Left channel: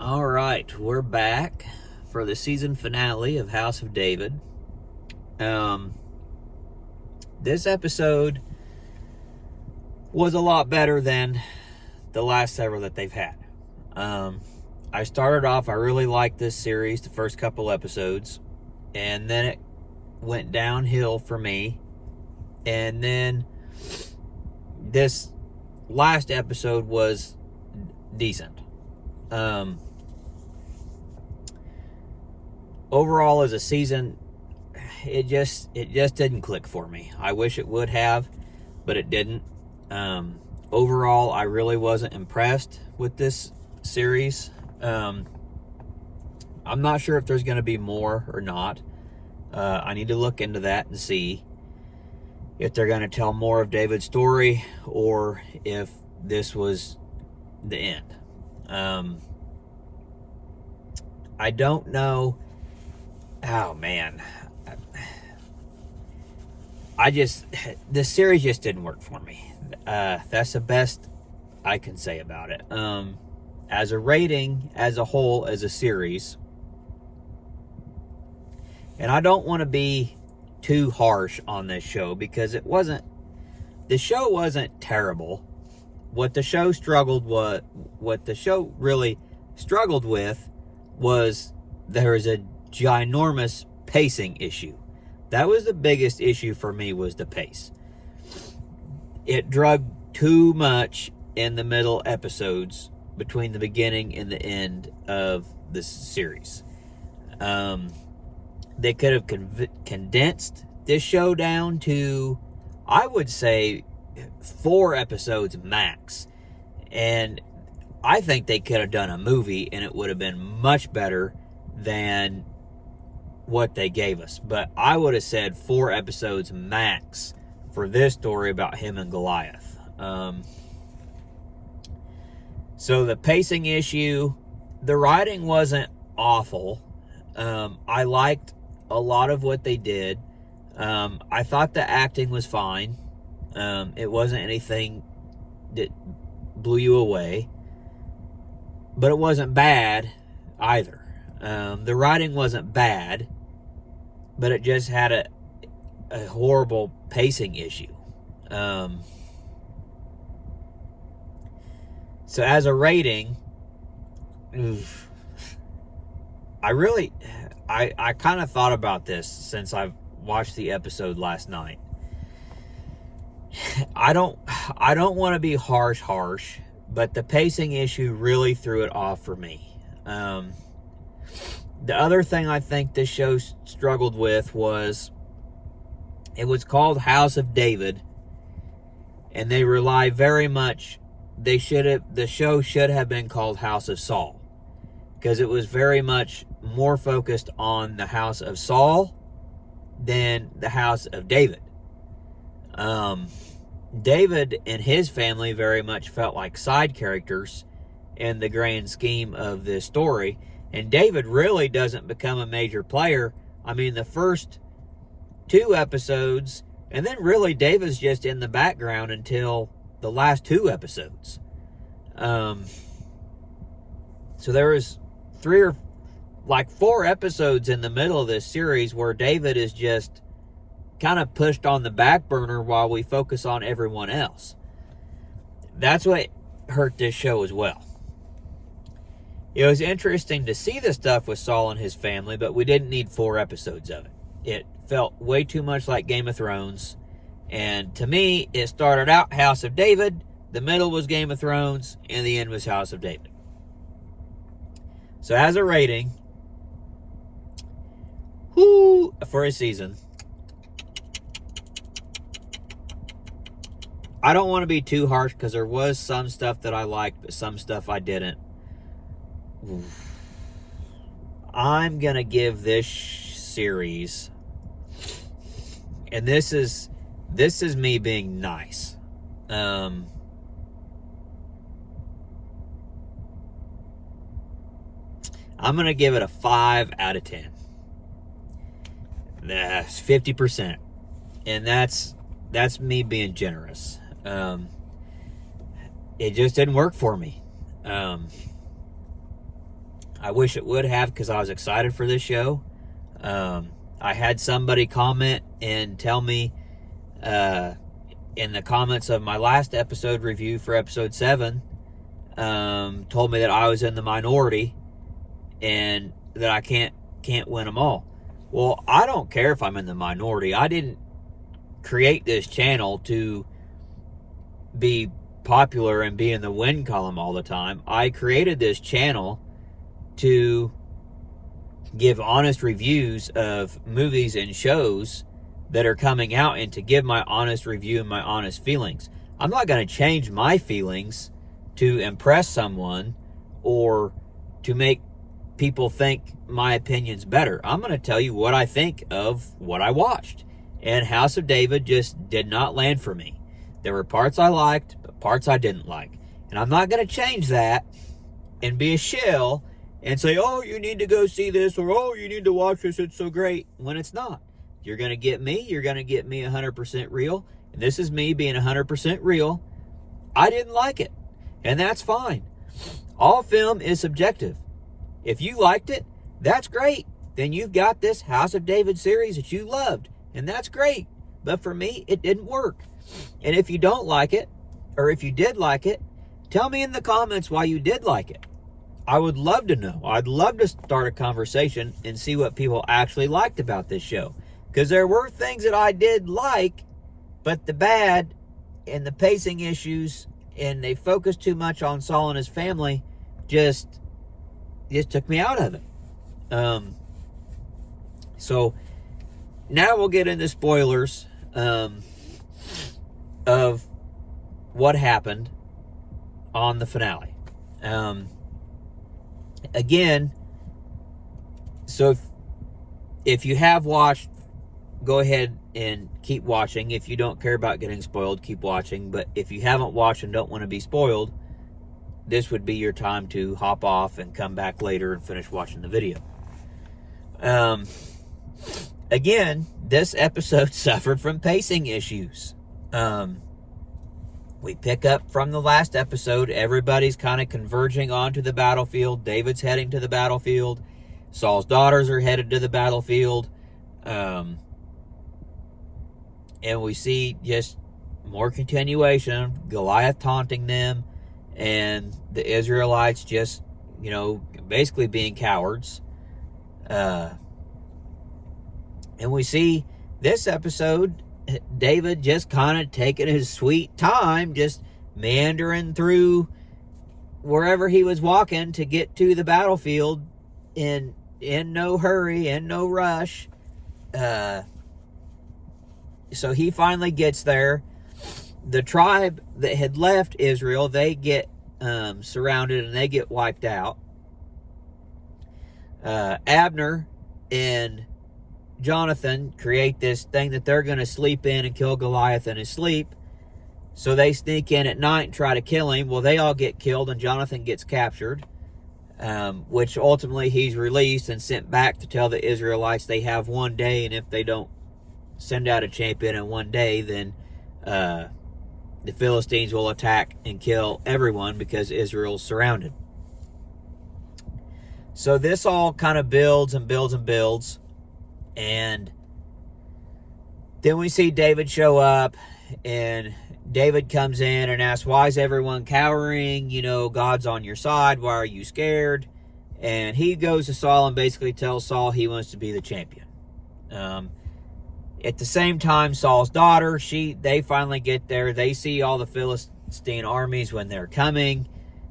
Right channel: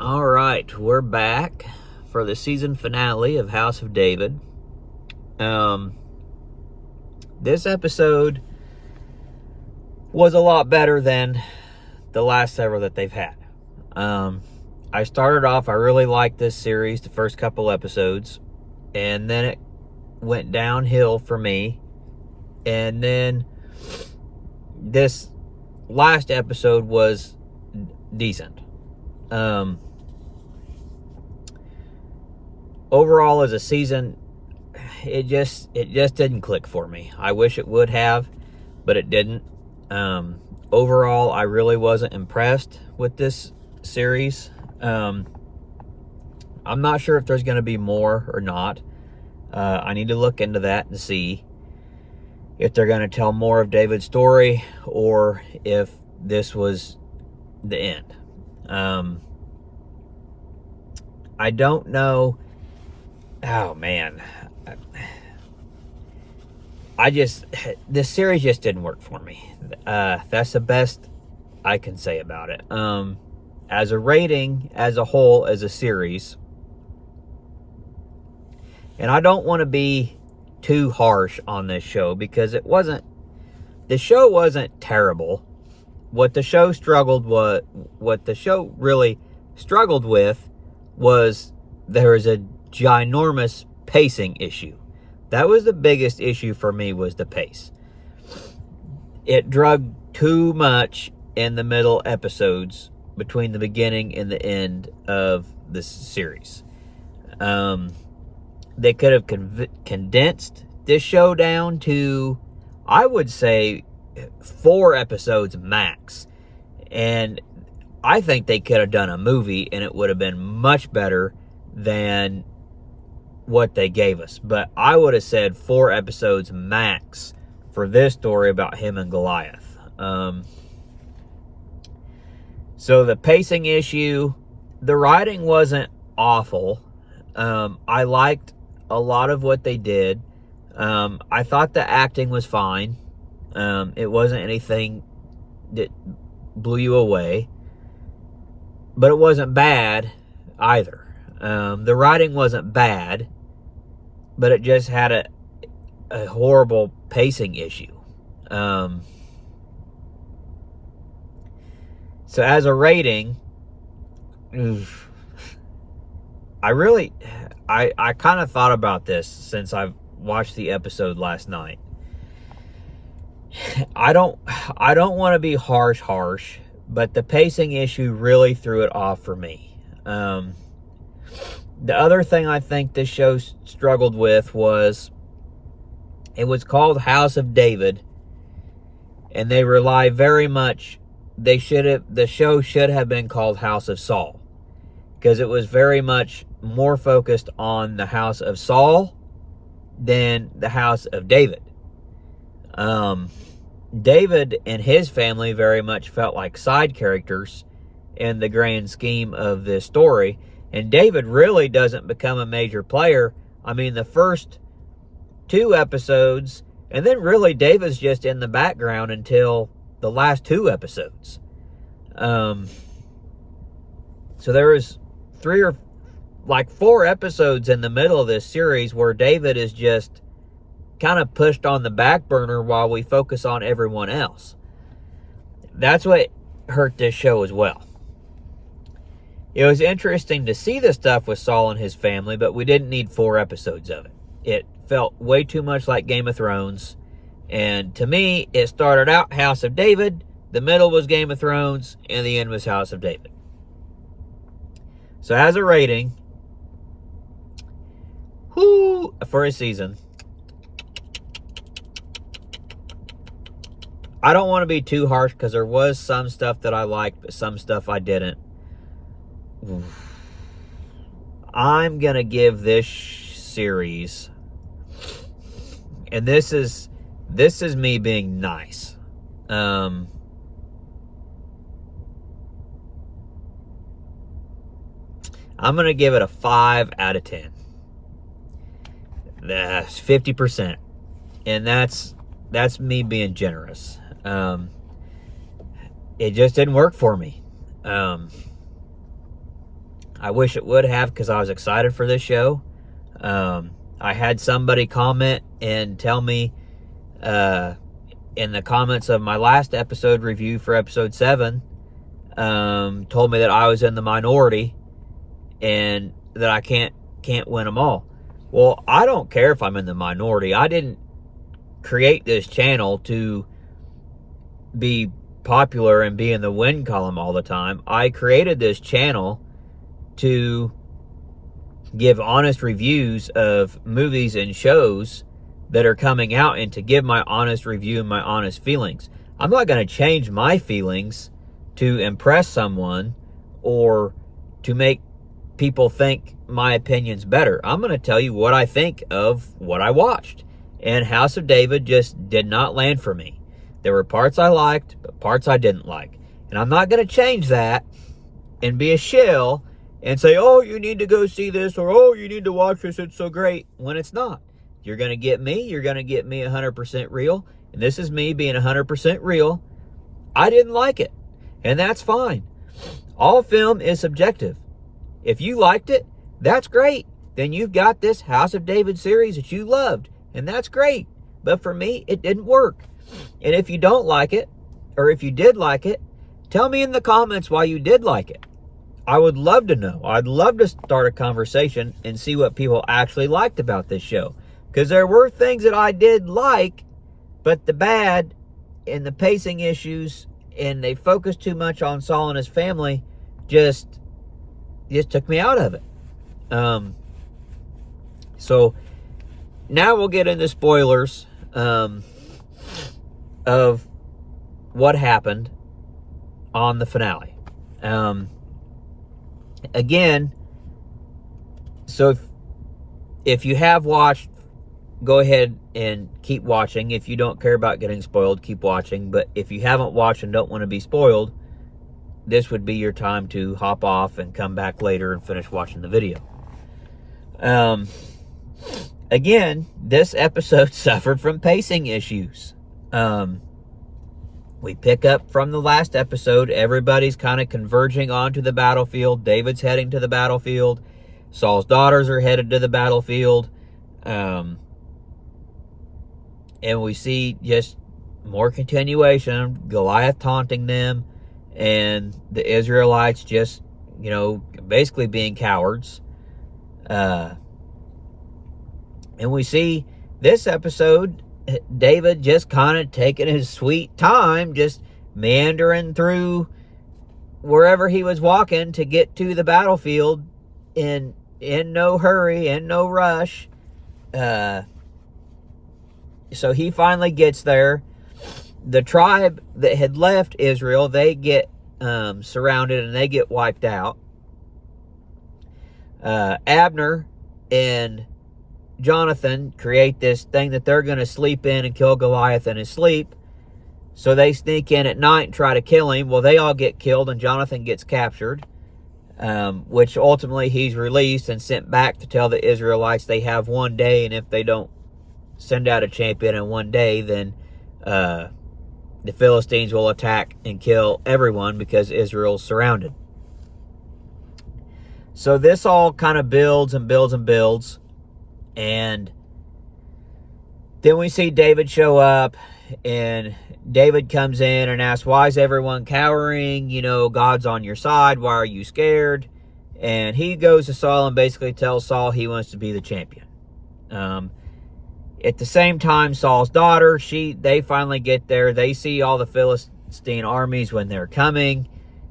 All right, we're back for the season finale of House of David. This episode was a lot better than the last several that they've had. I started off, I really liked this series, the first couple episodes, and then it went downhill for me. And then this last episode was decent. Overall, as a season, it just didn't click for me. I wish it would have, but it didn't. Overall, I really wasn't impressed with this series. I'm not sure if there's going to be more or not. I need to look into that and see if they're going to tell more of David's story or if this was the end. I don't know. Oh, man. This series just didn't work for me. That's the best I can say about it. As a rating, as a whole, as a series, and I don't want to be too harsh on this show because the show wasn't terrible. What the show really struggled with was there was a ginormous pacing issue. That was the biggest issue for me, was the pace. It drug too much in the middle episodes between the beginning and the end of the series. They could have condensed this show down to, I would say, 4 episodes max. And I think they could have done a movie and it would have been much better than what they gave us. But I would have said 4 episodes max for this story about him and Goliath. So the pacing issue, the writing wasn't awful. I liked a lot of what they did. I thought the acting was fine. It wasn't anything that blew you away, but it wasn't bad either. The writing wasn't bad, but it just had a horrible pacing issue. So as a rating, I kind of thought about this since I've watched the episode last night. I don't want to be harsh, but the pacing issue really threw it off for me. The other thing I think this show struggled with was it was called House of David, and they rely very much. The show should have been called House of Saul, because it was very much more focused on the house of Saul than the house of David. David and his family very much felt like side characters in the grand scheme of this story, and David really doesn't become a major player. I mean, the first 2 episodes, and then really David's just in the background until the last 2 episodes. So there was 4 episodes in the middle of this series where David is just kind of pushed on the back burner while we focus on everyone else. That's what hurt this show as well. It was interesting to see the stuff with Saul and his family, but we didn't need 4 episodes of it. It felt way too much like Game of Thrones. And to me, it started out House of David, the middle was Game of Thrones, and the end was House of David. So as a rating, for a season, I don't want to be too harsh because there was some stuff that I liked, but some stuff I didn't. I'm going to give this series, and this is me being nice. I'm going to give it a 5 out of 10. That's 50%. And that's me being generous. It just didn't work for me. I wish it would have, because I was excited for this show. I had somebody comment and tell me in the comments of my last episode review for episode 7, told me that I was in the minority and that I can't win them all. Well, I don't care if I'm in the minority. I didn't create this channel to be popular and be in the win column all the time. I created this channel to give honest reviews of movies and shows that are coming out, and to give my honest review and my honest feelings. I'm not going to change my feelings to impress someone or to make people think my opinion's better. I'm going to tell you what I think of what I watched. And House of David just did not land for me. There were parts I liked, but parts I didn't like. And I'm not going to change that and be a shill and say, oh, you need to go see this, or oh, you need to watch this, it's so great, when it's not. You're going to get me 100% real. And this is me being 100% real. I didn't like it. And that's fine. All film is subjective. If you liked it, that's great. Then you've got this House of David series that you loved. And that's great. But for me, it didn't work. And if you don't like it, or if you did like it, tell me in the comments why you did like it. I would love to know. I'd love to start a conversation and see what people actually liked about this show. Because there were things that I did like, but the bad and the pacing issues, and they focused too much on Saul and his family, just took me out of it. So now we'll get into spoilers of what happened on the finale. Again, so if you have watched, go ahead and keep watching. If you don't care about getting spoiled, keep watching. But if you haven't watched and don't want to be spoiled, this would be your time to hop off and come back later and finish watching the video. Again, this episode suffered from pacing issues. We pick up from the last episode. Everybody's kind of converging onto the battlefield. David's heading to the battlefield. Saul's daughters are headed to the battlefield. And we see just more continuation of Goliath taunting them, and the Israelites just, basically being cowards. And we see this episode, David just kind of taking his sweet time, just meandering through wherever he was walking to get to the battlefield in no hurry, in no rush. So he finally gets there. The tribe that had left Israel, they get surrounded and they get wiped out. Abner and Jonathan create this thing that they're going to sleep in and kill Goliath in his sleep. So they sneak in at night and try to kill him. Well, they all get killed and Jonathan gets captured, which ultimately he's released and sent back to tell the Israelites they have one day, and if they don't send out a champion in one day, then the Philistines will attack and kill everyone because Israel's surrounded. So this all kind of builds and builds and builds. And then we see David show up, and David comes in and asks, why is everyone cowering? God's on your side. Why are you scared? And he goes to Saul and basically tells Saul he wants to be the champion. At the same time, Saul's daughter, they finally get there. They see all the Philistine armies when they're coming.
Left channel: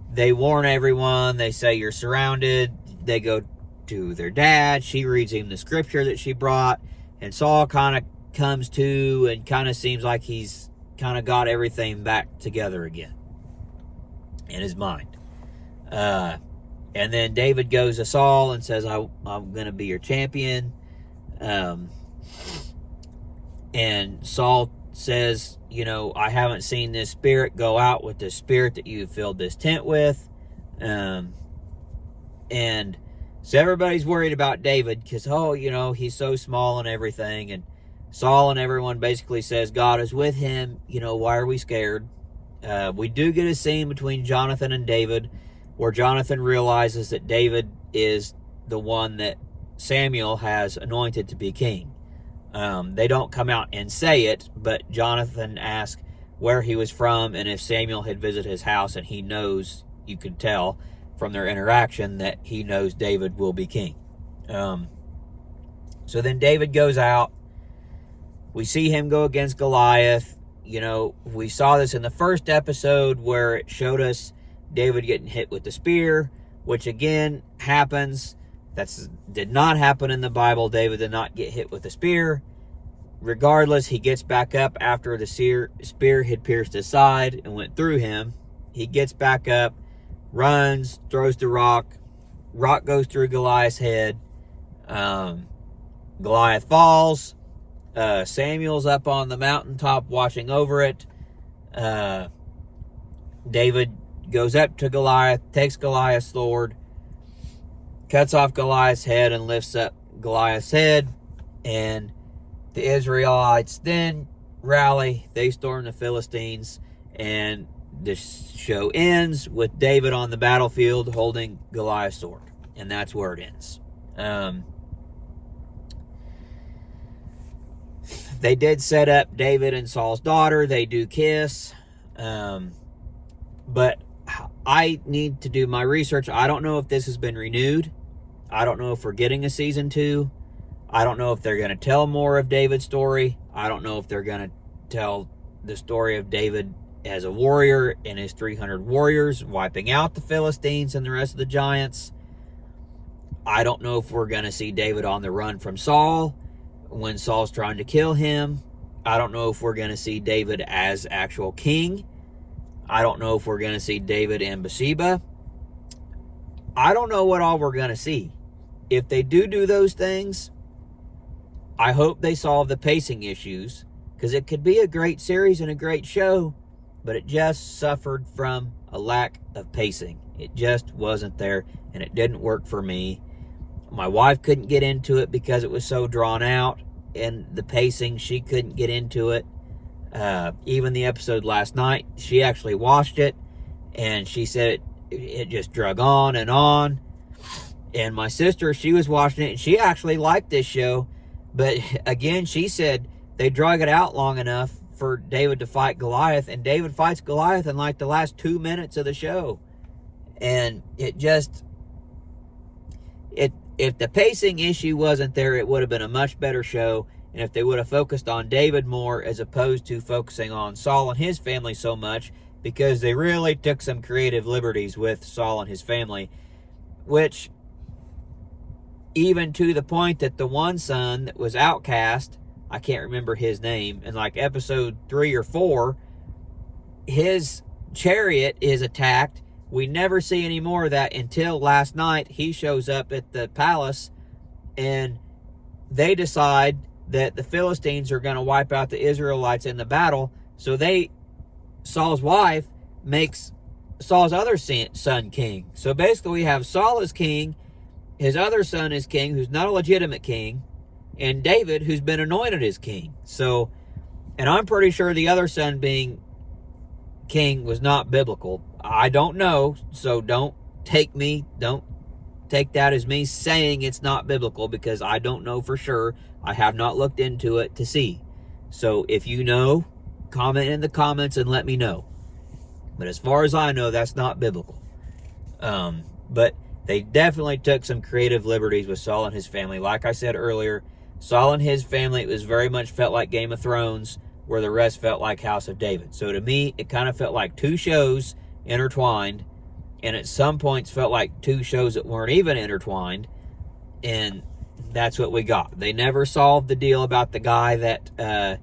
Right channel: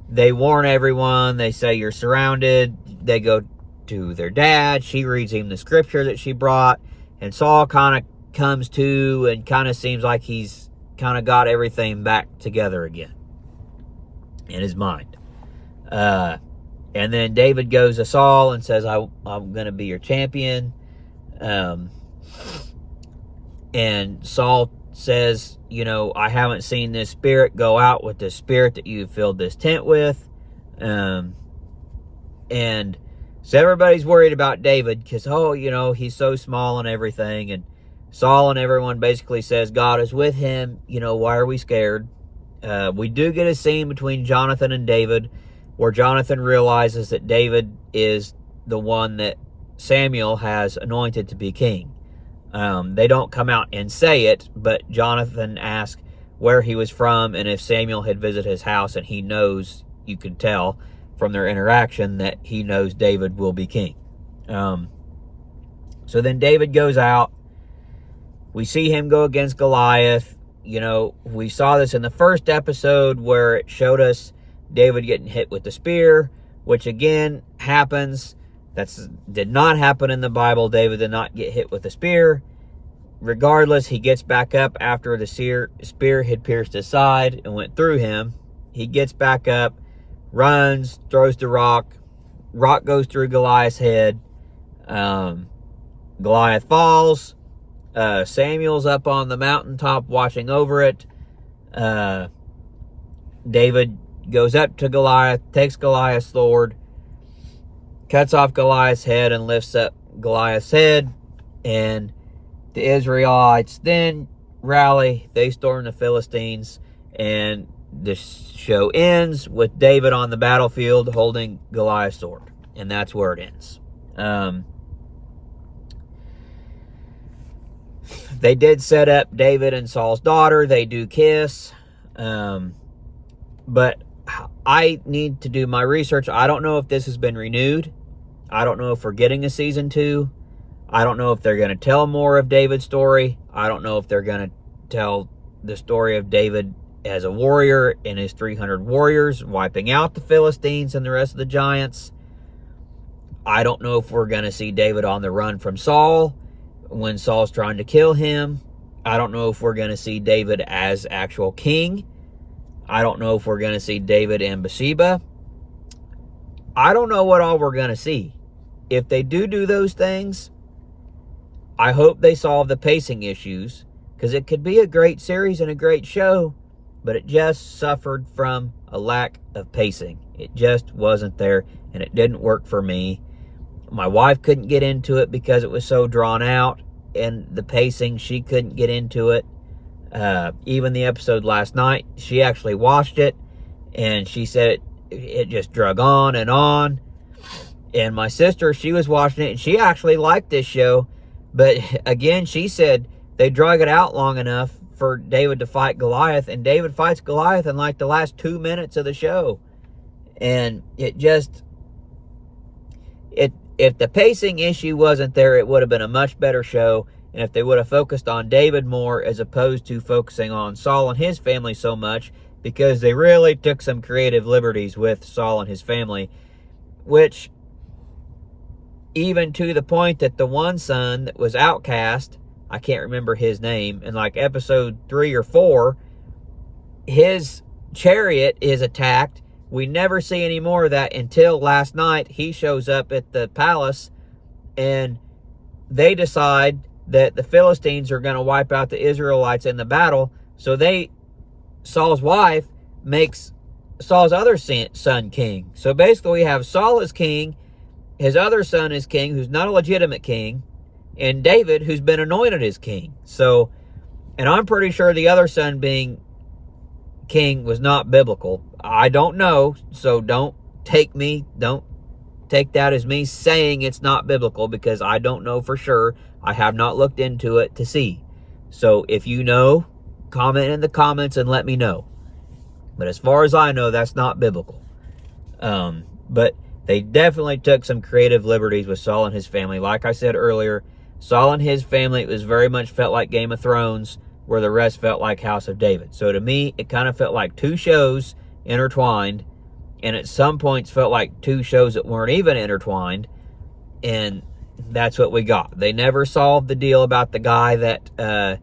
They warn everyone. They say, you're surrounded. They go to their dad. She reads him the scripture that she brought. And Saul kind of comes to and kind of seems like he's kind of got everything back together again in his mind. And then David goes to Saul and says, I'm going to be your champion. And Saul says, I haven't seen this spirit go out with the spirit that you filled this tent with. And so everybody's worried about David because, he's so small and everything. And Saul and everyone basically says God is with him. Why are we scared? We do get a scene between Jonathan and David where Jonathan realizes that David is the one that Samuel has anointed to be king. They don't come out and say it, but Jonathan asks where he was from and if Samuel had visited his house, and he knows, you can tell from their interaction, that he knows David will be king. So then David goes out. We see him go against Goliath. You know, we saw this in the first episode where it showed us David getting hit with the spear, which again happens. That did not happen in the Bible. David did not get hit with a spear. Regardless, he gets back up after the spear had pierced his side and went through him. He gets back up, runs, throws the rock. Rock goes through Goliath's head. Goliath falls. Samuel's up on the mountaintop watching over it. David goes up to Goliath, takes Goliath's sword, cuts off Goliath's head and lifts up Goliath's head, and the Israelites then rally. They storm the Philistines, and the show ends with David on the battlefield holding Goliath's sword, and that's where it ends. They did set up David and Saul's daughter. They do kiss, but I need to do my research. I don't know if this has been renewed. I don't know if we're getting a season 2. I don't know if they're going to tell more of David's story. I don't know if they're going to tell the story of David as a warrior and his 300 warriors wiping out the Philistines and the rest of the giants. I don't know if we're going to see David on the run from Saul when Saul's trying to kill him. I don't know if we're going to see David as actual king. I don't know if we're going to see David and Bathsheba. I don't know what all we're going to see. If they do those things, I hope they solve the pacing issues, because it could be a great series and a great show, but it just suffered from a lack of pacing. It just wasn't there, and it didn't work for me. My wife couldn't get into it because it was so drawn out, and the pacing, she couldn't get into it. Even the episode last night, she actually watched it, and she said it just drug on and on. And my sister, she was watching it, and she actually liked this show. But again, she said they drug it out long enough for David to fight Goliath, and David fights Goliath in like the last 2 minutes of the show. And it just, if the pacing issue wasn't there, it would have been a much better show. And if they would have focused on David more as opposed to focusing on Saul and his family so much, because they really took some creative liberties with Saul and his family, which, even to the point that the one son that was outcast, I can't remember his name, in like episode 3 or 4, his chariot is attacked. We never see any more of that until last night. He shows up at the palace, and they decide that the Philistines are going to wipe out the Israelites in the battle. So Saul's wife makes Saul's other son king. So basically we have Saul as king, his other son is king, who's not a legitimate king, and David, who's been anointed as king. So, and I'm pretty sure the other son being king was not biblical. I don't know, so don't take that as me saying it's not biblical, because I don't know for sure. I have not looked into it to see. So if you know, comment in the comments and let me know. But as far as I know, that's not biblical. But they definitely took some creative liberties with Saul and his family. Like I said earlier, Saul and his family, it was very much felt like Game of Thrones, where the rest felt like House of David. So to me, it kind of felt like 2 shows intertwined, and at some points felt like 2 shows that weren't even intertwined, and that's what we got. They never solved the deal about the guy that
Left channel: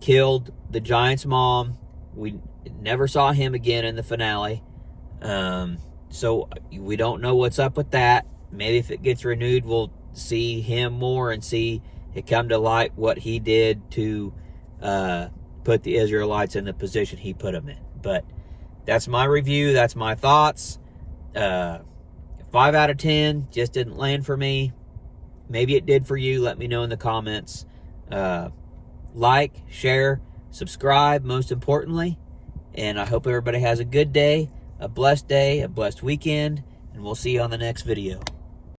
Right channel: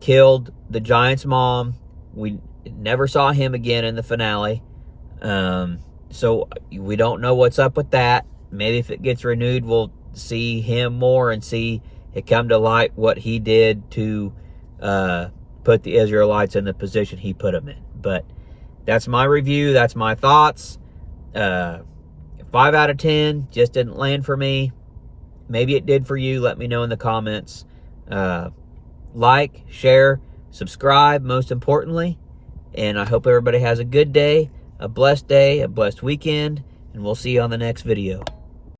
killed the Giant's mom. We never saw him again in the finale. So we don't know what's up with that. Maybe if it gets renewed, we'll see him more and see it come to light what he did to put the Israelites in the position he put them in. But that's my review. That's my thoughts. 5 out of 10 just didn't land for me. Maybe it did for you. Let me know in the comments. Like, share, subscribe, most importantly. And I hope everybody has a good day, a blessed weekend, and we'll see you on the next video.